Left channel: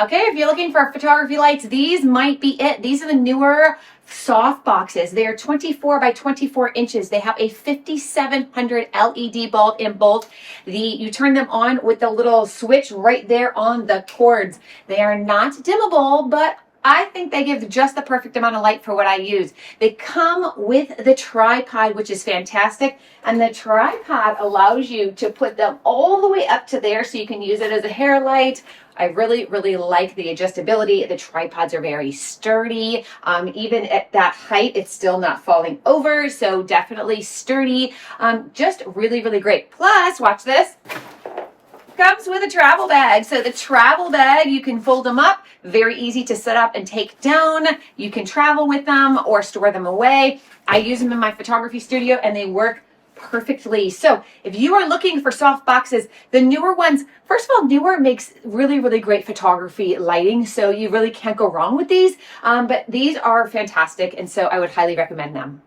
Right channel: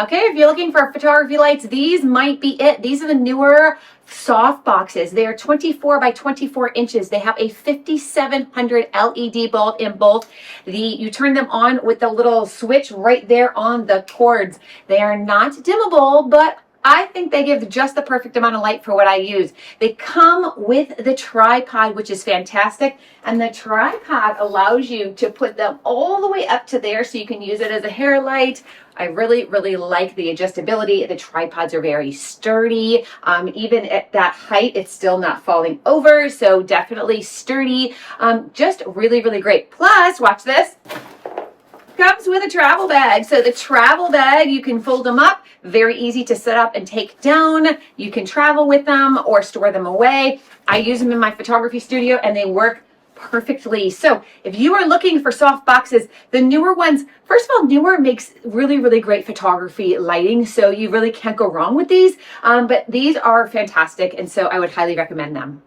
Okay, if you're looking for photography lights, these might be it. These are the newer soft boxes. They are 24 by 24 inches. They have a 5700 LED bulb in both. You turn them on with the little switch right there on the cords. They are not dimmable, but I think they give just the perfect amount of light for what I use. They come with the tripod, which is fantastic. And the tripod allows you to put them all the way up to there so you can use it as a hair light. I really, really like the adjustability. The tripods are very sturdy. Even at that height, it's still not falling over. So definitely sturdy. Just really, really great. Plus, watch this. Comes with a travel bag. So the travel bag, you can fold them up, very easy to set up and take down. You can travel with them or store them away. I use them in my photography studio and they work perfectly. So if you are looking for soft boxes, the newer ones, first of all, Neewer makes really, really great photography lighting. So you really can't go wrong with these. But these are fantastic. And so I would highly recommend them.